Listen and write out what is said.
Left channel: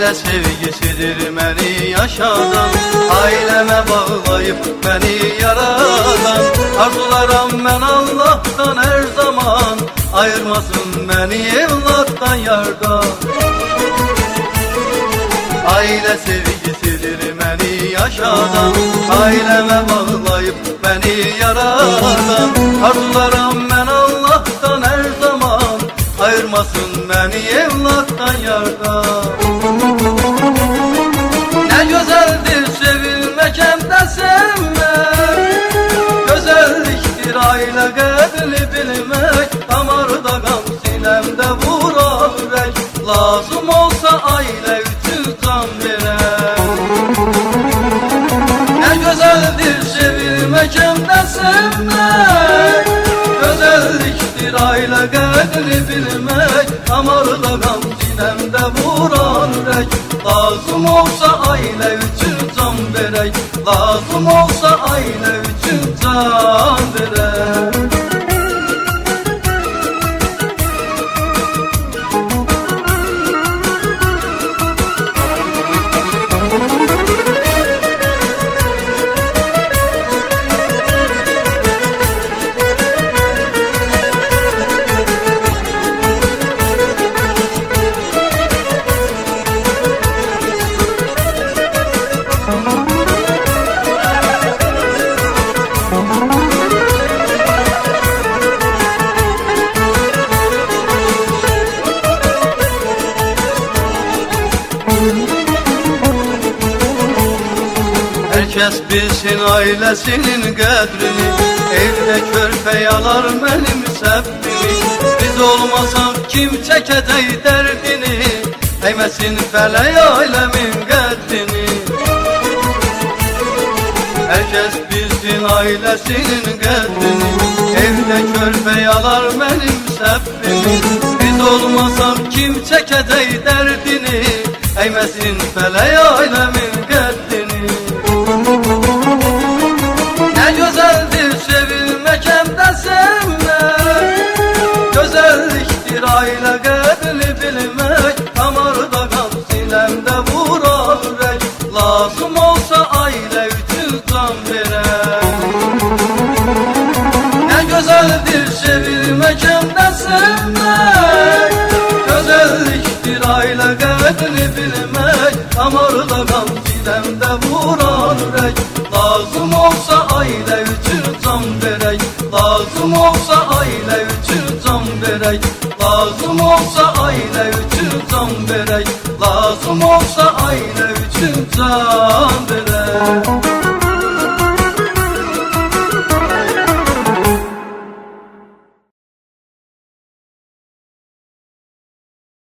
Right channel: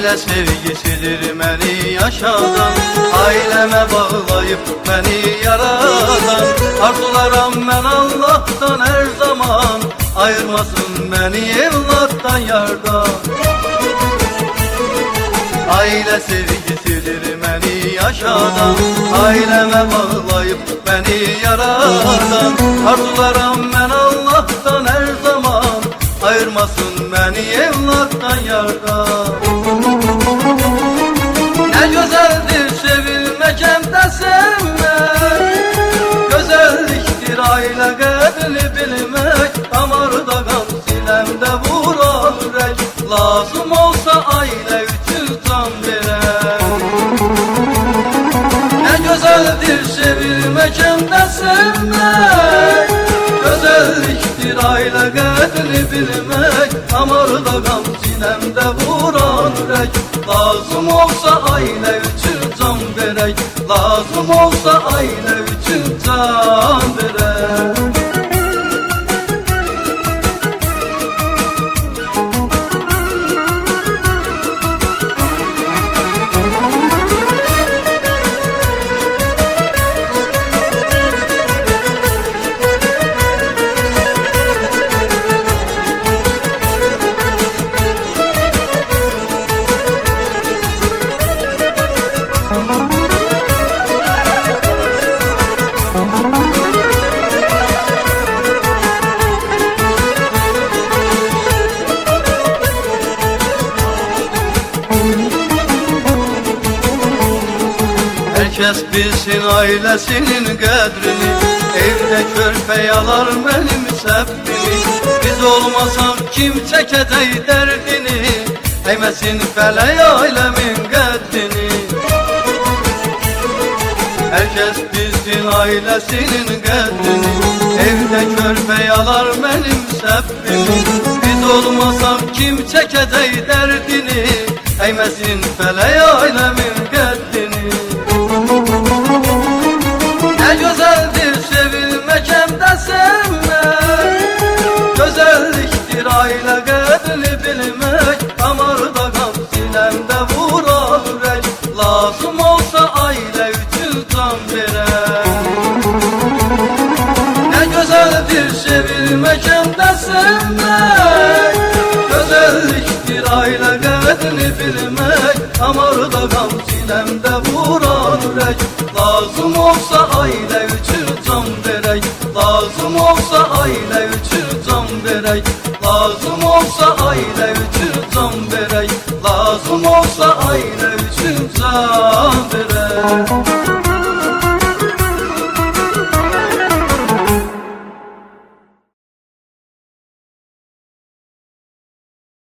Aile sevgisidir beni yaşadan, aileme bağlayıp beni yaradan. Arzularım ben Allah'tan her zaman, ayırmasın beni evlattan yardan. Aile sevgisidir beni yaşadan, aileme bağlayıp beni yaradan. Arzularım ben Allah'tan her zaman, ayırmasın beni evlattan yardan. Ne güzeldir sevilmek hem de sevmek, güzelliktir aile kadri bilmek. Damarda kan silemde vuran yürek, lazım olsa aile için can verek. Ne güzeldir sevilmek hem de sevmek, güzelliktir aile kadri bilmek. Damarda kan silemde vuran yürek, lazım olsa aile için can verek. Lazım olsa aile için can verek. Herkes bilsin ailesinin kadrini, evde körpe yalar benim sebbini. Biz olmasak kim çekecek derdini, değmesin feleye ailemin kadrini. Herkes bilsin ailesinin kadrini, evde körpe yalar benim sebbini. Biz olmasak kim çekecek derdini, değmesin feleye ailemin kadrini. Ne güzeldir sevilmek hem de sevmek, güzelliktir aile kadri bilmek. Damarda kan silemde vuran yürek, lazım olsa aile için can verek. Ne güzeldir sevilmek hem de sevmek, güzelliktir aile kadri bilmek. Damarda kan silemde vuran yürek, lazım olsa aile için can verek. Lazım olsa aile için can verek. Lazım olsa aile için can verek. Lazım olsa aile için can verek.